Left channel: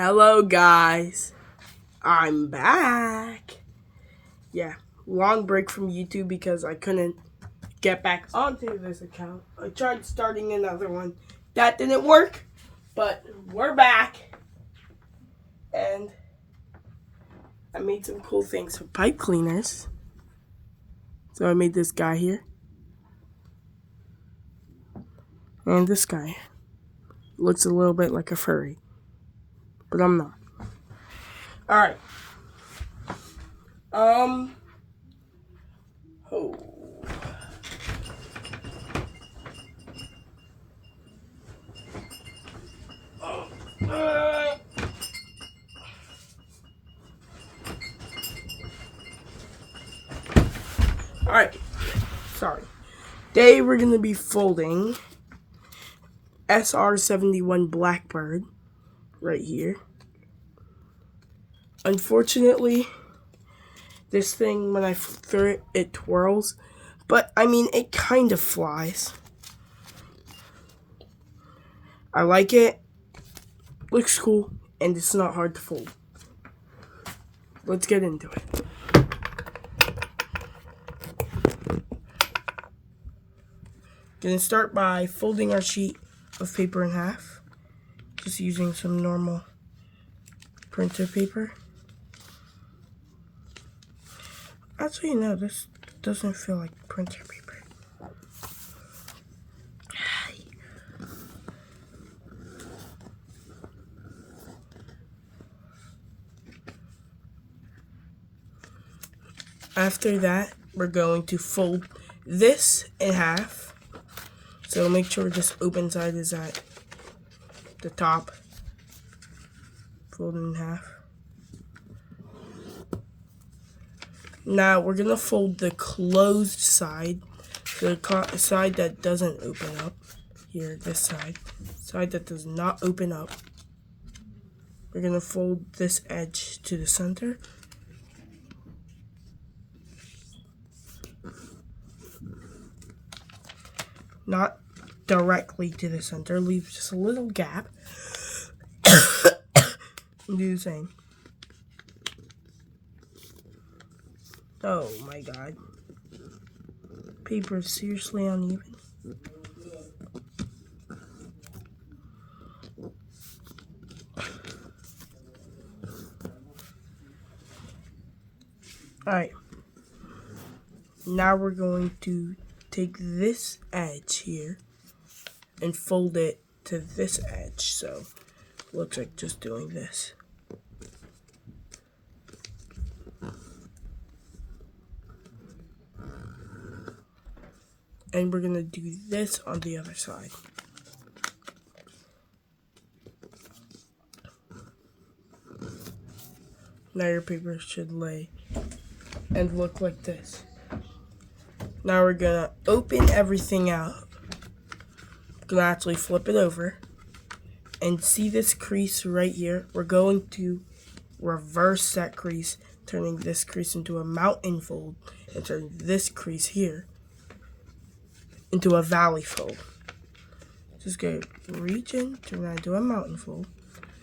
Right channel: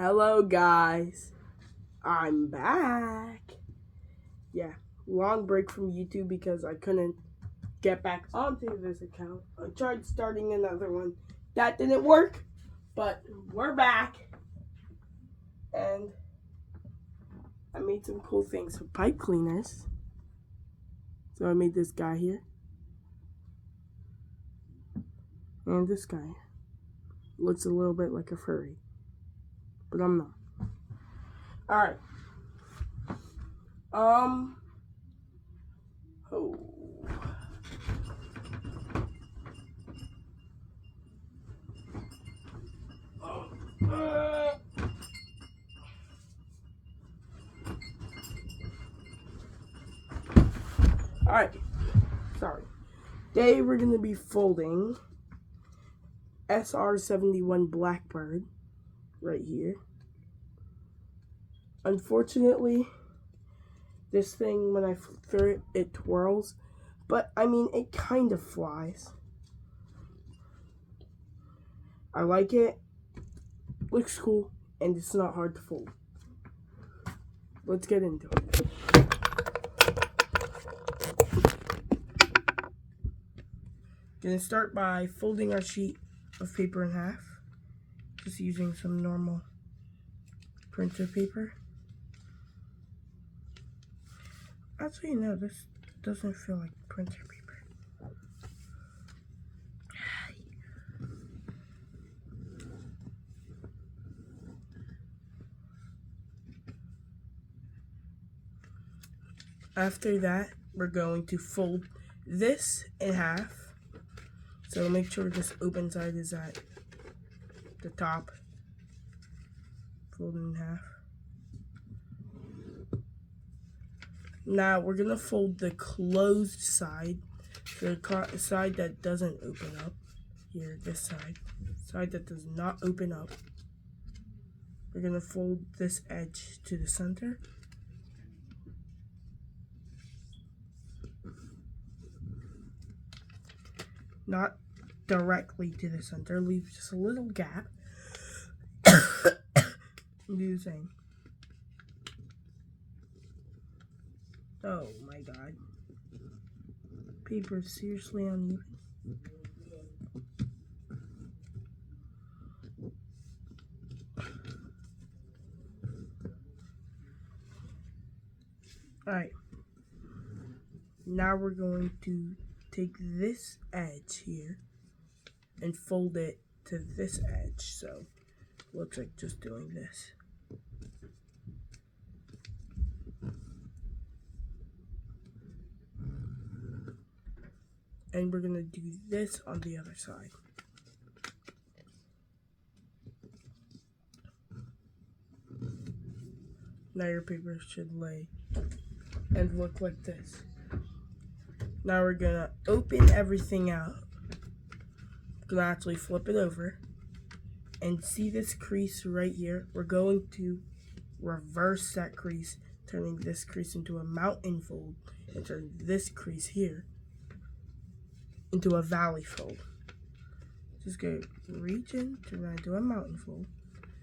Hello guys, I'm back. Yeah, long break from YouTube because I couldn't get back onto this account. I tried starting another one. That didn't work, but we're back. And I made some cool things for pipe cleaners. So I made this guy here. And this guy. Looks a little bit like a furry. But I'm not. Alright. Oh. Alright. Sorry. Today we're going to be folding SR-71 Blackbird right here. Unfortunately, this thing, when I throw it, it twirls. But, I mean, it kind of flies. I like it. Looks cool. And it's not hard to fold. Let's get into it. Gonna start by folding our sheet of paper in half. Just using some normal printer paper. Actually, no, this doesn't feel like printer paper. After that, we're going to fold this in half. So make sure this open side is at the top. Fold it in half. Now we're going to fold the closed side. The side that doesn't open up. Here, this side. Side that does not open up. We're going to fold this edge to the center. Not directly to the center, leave just a little gap. And do the same. Oh my god. Paper is seriously uneven. Alright. Now we're going to take this edge here and fold it to this edge, so looks like just doing this. And we're gonna do this on the other side. Now your paper should lay and look like this. Now we're gonna open everything out. Gonna actually flip it over and see this crease right here. We're going to reverse that crease, turning this crease into a mountain fold and turning this crease here into a valley fold. Just go reach in, turn that into a mountain fold,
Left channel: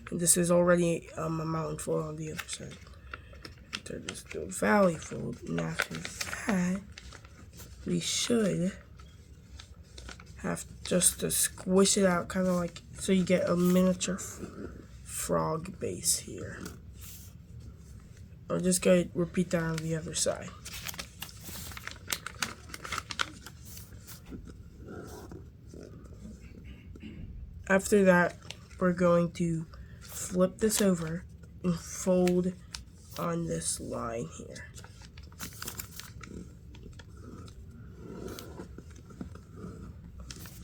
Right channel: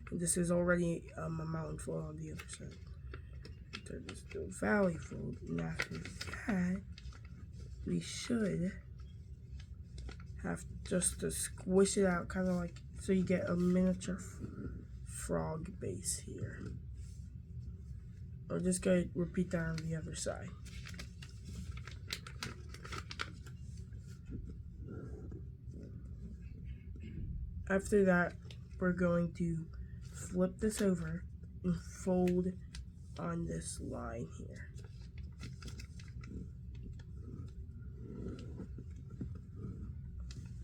and this is already a mountain fold on the other side. Turn this to a valley fold, and after that we should have just to squish it out, kind of like so you get a miniature frog base here. Or just go repeat that on the other side. After that, we're going to flip this over and fold on this line here.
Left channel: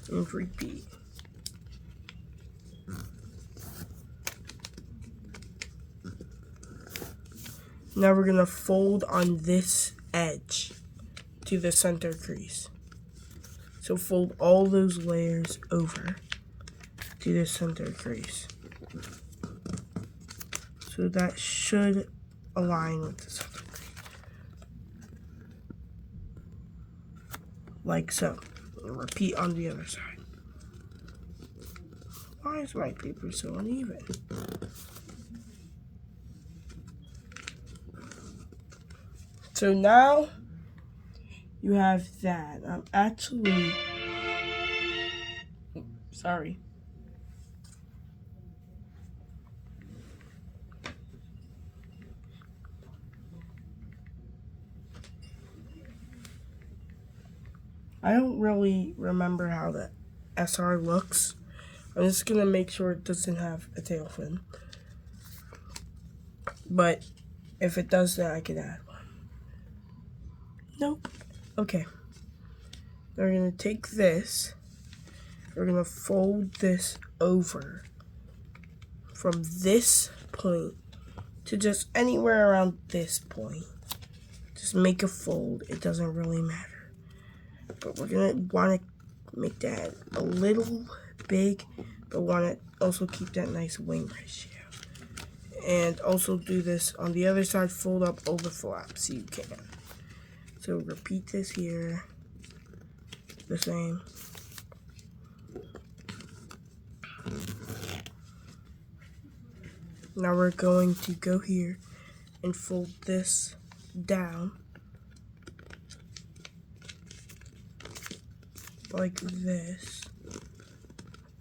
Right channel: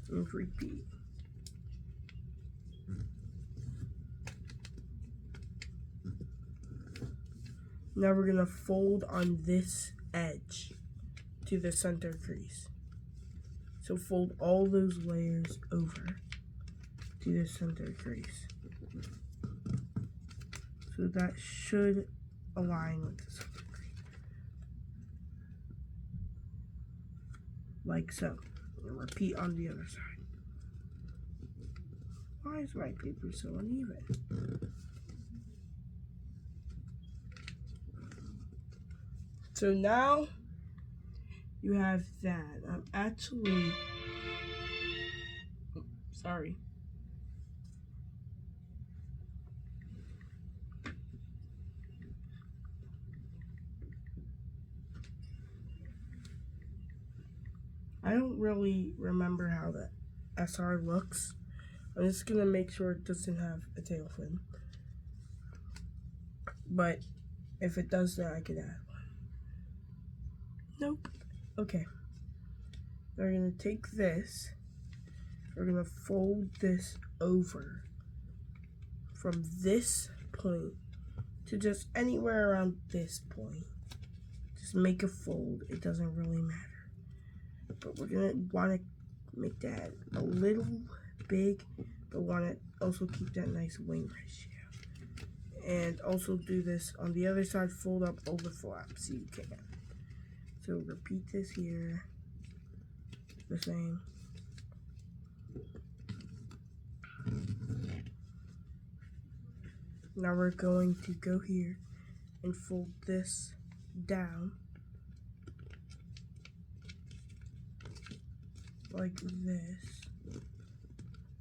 And repeat. Now we're going to fold on this edge to the center crease. So fold all those layers over to the center crease. So that should align with the center crease. Like so. Repeat on the other side. Why is my paper so uneven? So now you have that. I'm actually sorry. I don't really remember how the SR looks. I'm just gonna make sure it doesn't have a tail fin. But if it does, then I can add one. Nope. Okay. We're gonna take this. We're gonna fold this over from this point to just anywhere around this point. Just make a fold. It doesn't really matter. But we're gonna want to make that a little big, but want to also keep that nice wing ratio. And also do this on the other side, fold up over flap so you can. So repeat this here, the same. Now we're going to go here and fold this down like this.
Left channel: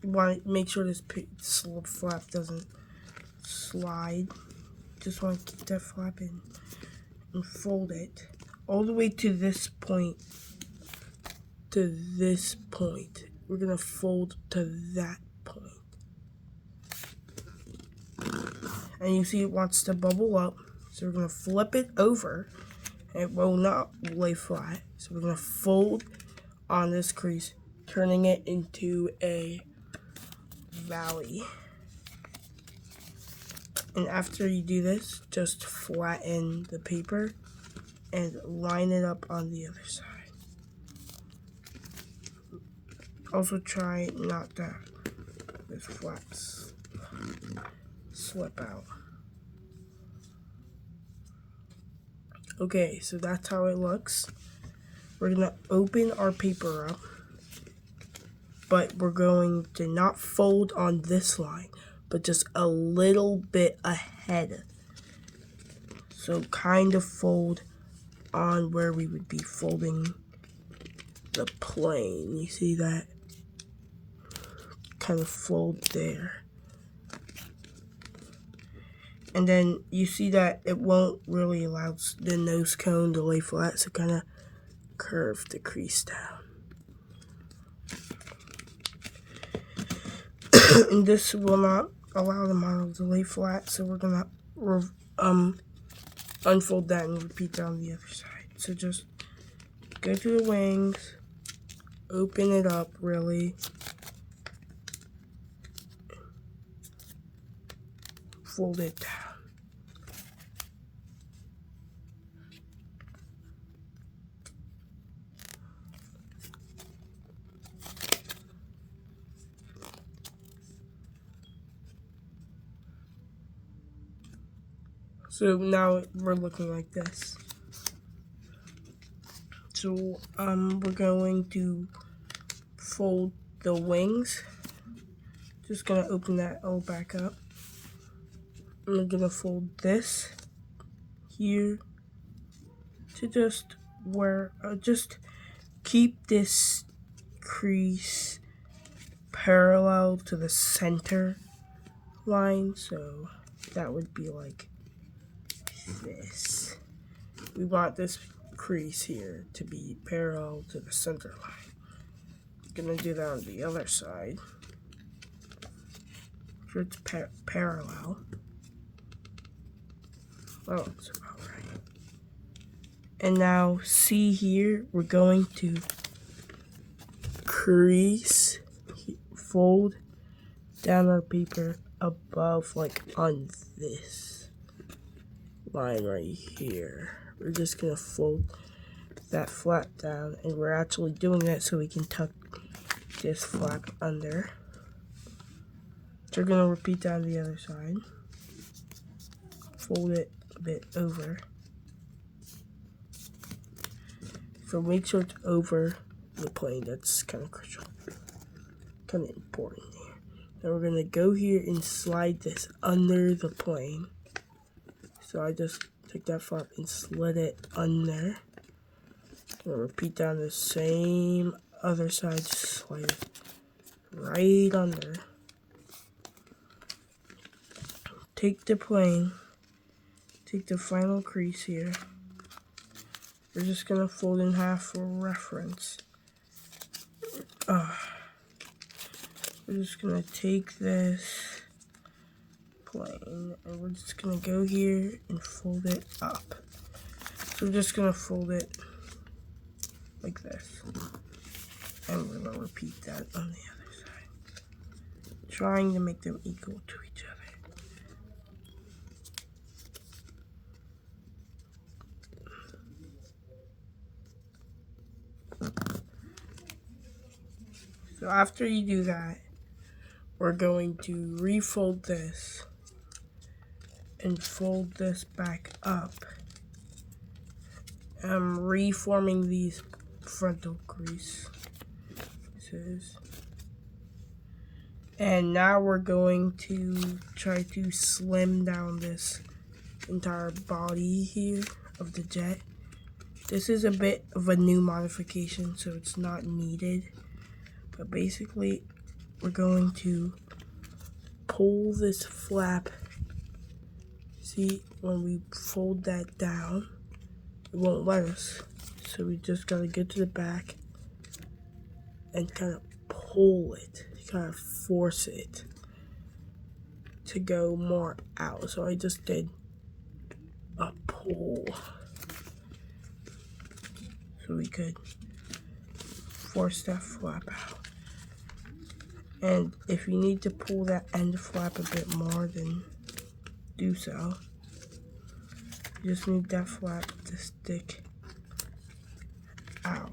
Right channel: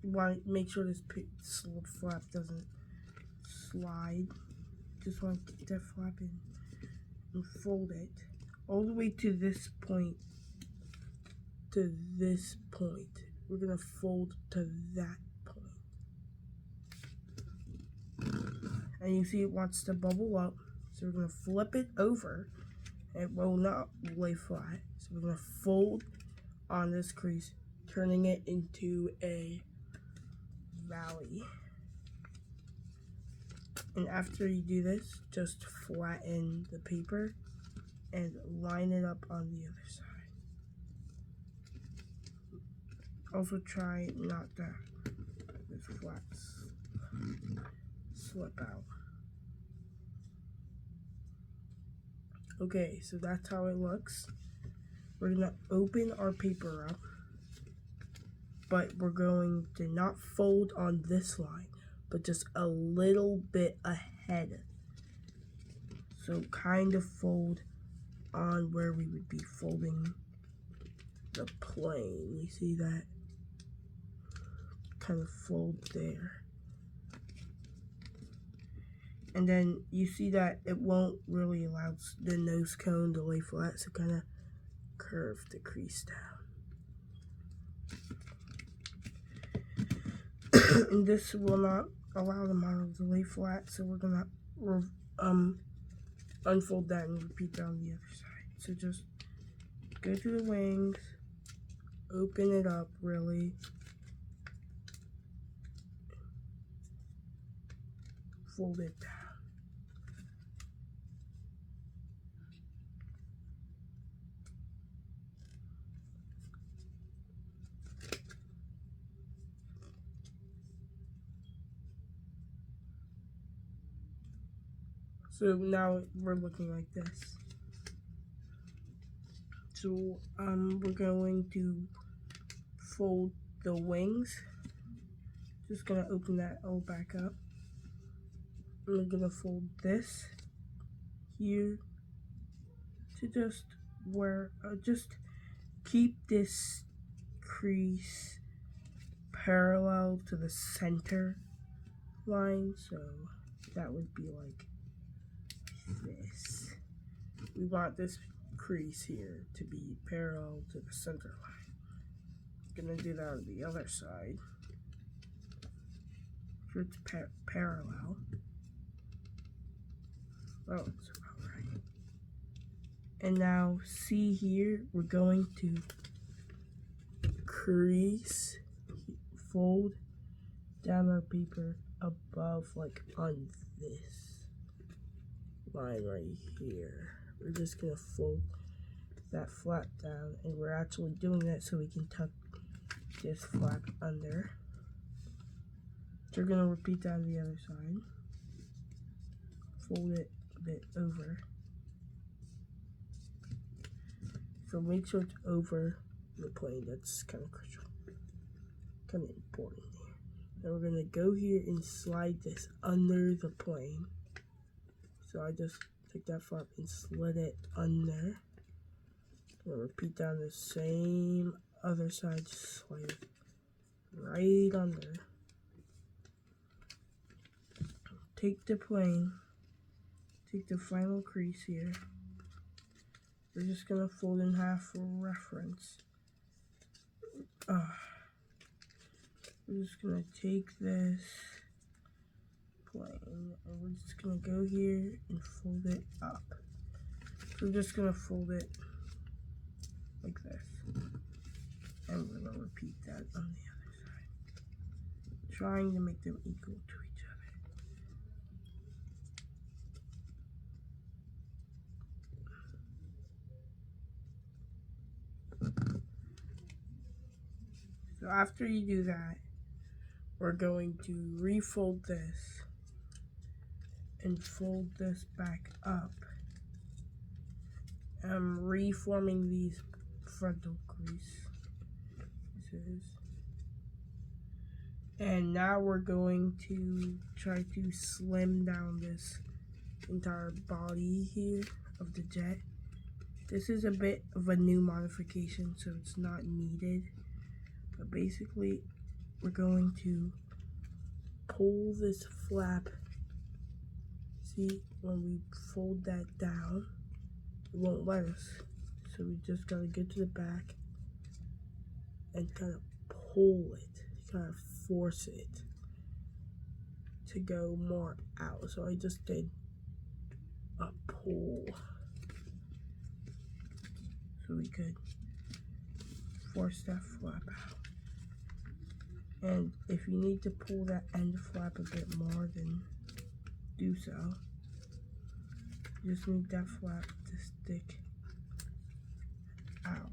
You want to make sure this flap doesn't slide. Just want to keep that flap in and fold it all the way to this point. To this point. We're going to fold to that point. And you see it wants to bubble up. So we're going to flip it over. It will not lay flat. So we're going to fold on this crease, turning it into a valley. And after you do this, just flatten the paper and line it up on the other side. Also try not to this flaps slip out. Okay, so that's how it looks. We're gonna open our paper up, but we're going to not fold on this line, but just a little bit ahead. So kind of fold on where we would be folding the plane. You see that? Kind of fold there. And then you see that it won't really allow the nose cone to lay flat, so kind of curve the crease down. And this will not allow the model to lay flat, so we're gonna unfold that and repeat that on the other side. So just go to the wings, open it up really, fold it down. So now we're looking like this. So we're going to fold the wings. Just gonna open that all back up. I'm gonna fold this here to just where just keep this crease parallel to the center line. So that would be like this. We want this crease here to be parallel to the center line. Gonna do that on the other side. Sure it's parallel. That looks about right. And now see here, we're going to crease, fold down our paper above, like on this line right here. We're just gonna fold that flap down, and we're actually doing that so we can tuck this flap under. So we're gonna repeat that on the other side. Fold it a bit over. So make sure it's over the plane. That's kind of crucial, kind of important here. Now we're gonna go here and slide this under the plane. So I just take that flap and slid it under. Gonna repeat down the same other side, just slide it right under. Take the plane, take the final crease here. We're just gonna fold in half for reference. We're just gonna take this plane and we're just gonna go here and fold it up. So we're just gonna fold it like this. And we're gonna repeat that on the other side. Trying to make them equal to each other. So after you do that, we're going to refold this and fold this back up. I'm reforming these frontal creases. And now we're going to try to slim down this entire body here of the jet. This is a bit of a new modification, so it's not needed. But basically, we're going to pull this flap. See, when we fold that down, it won't let us. So we just gotta get to the back and kind of pull it, kind of force it to go more out. So I just did a pull so we could force that flap out. And if you need to pull that end flap a bit more, then do so. You just need that flap to stick out.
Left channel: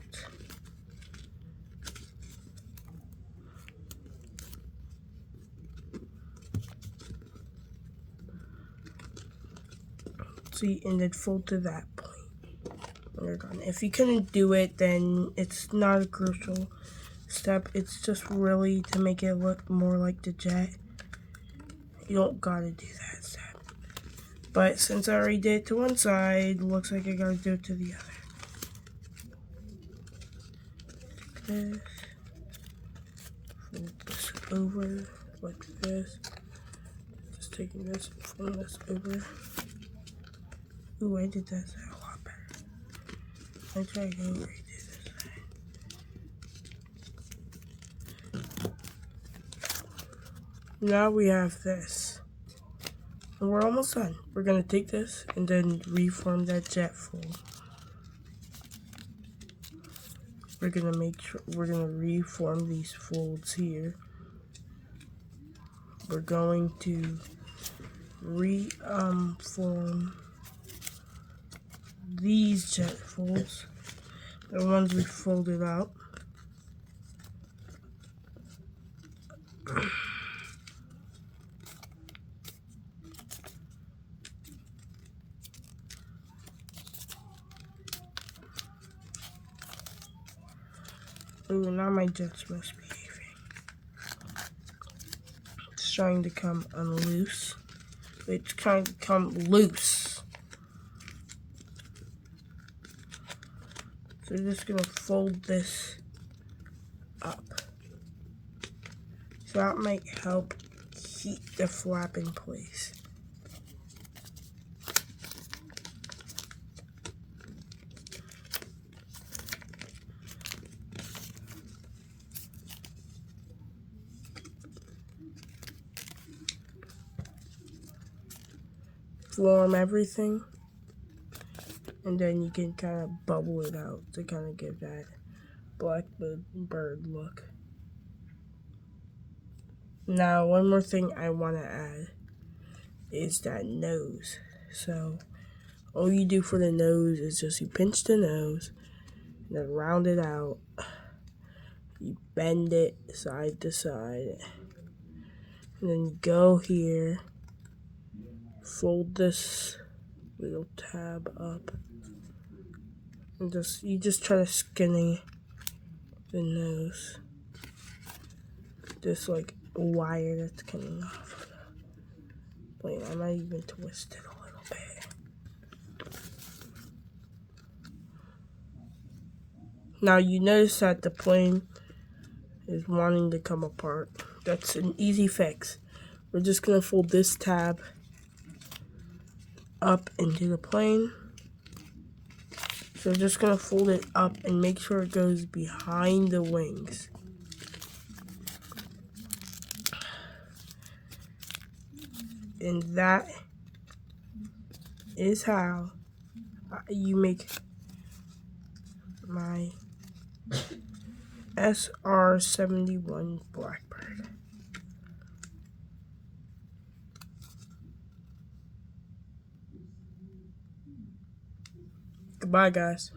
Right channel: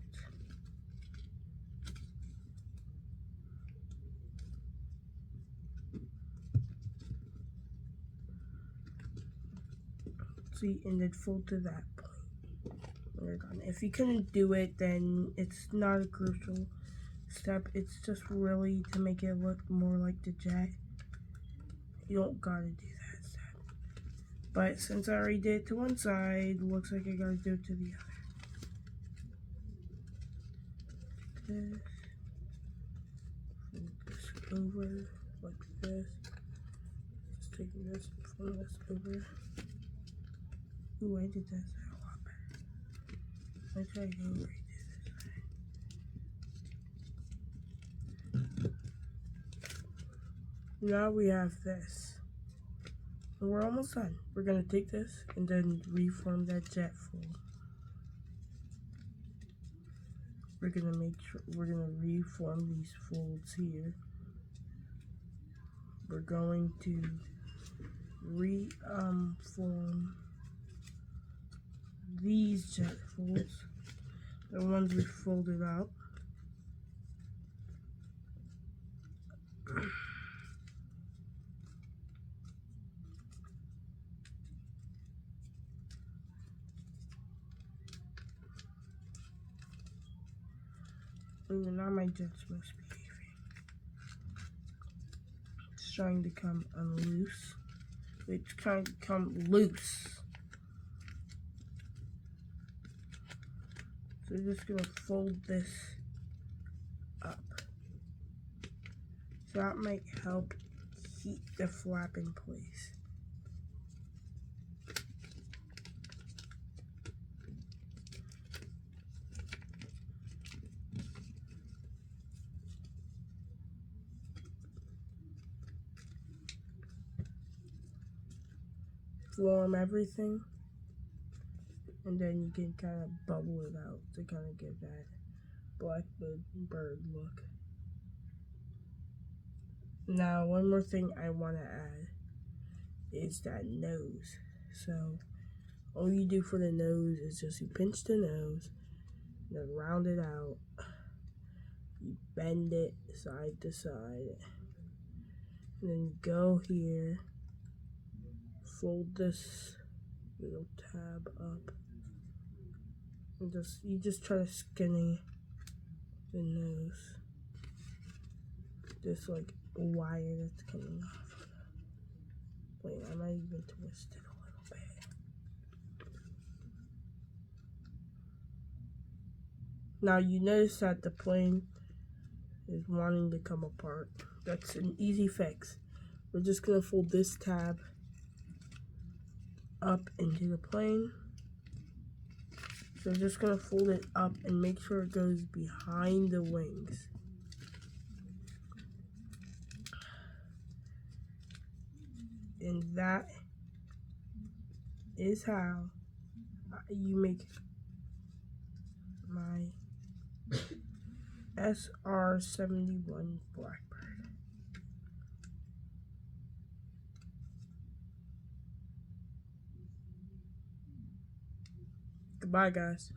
See, and then fold to that point when you're done. If you couldn't do it, then it's not a crucial step. It's just really to make it look more like the jet. You don't gotta do that step. But since I already did it to one side, looks like I gotta do it to the other. This. Fold this over like this. Just taking this and folding this over. Ooh, I did that side a lot better. I try to go redo this side. Now we have this. And we're almost done. We're gonna take this and then reform that jet fold. We're gonna make sure we're gonna reform these folds here. We're going to reform these jet folds, the ones we folded out. Ooh, now my jet's misbehaving. It's trying to come unloose. It's trying to come loose. So we're just gonna fold this up. So that might help keep the flap in place. Form everything, and then you can kind of bubble it out to kind of give that blackbird look. Now, one more thing I want to add is that nose. So, all you do for the nose is just you pinch the nose, and then round it out. You bend it side to side, and then you go here. Fold this little tab up and you just try to skinny the nose, just like a wire that's coming off. Wait, I might even twist it a little bit. Now you notice that the plane is wanting to come apart. That's an easy fix. We're just gonna fold this tab up into the plane. So we're just gonna fold it up and make sure it goes behind the wings. And that is how you make my SR-71 Blackbird. Goodbye, guys.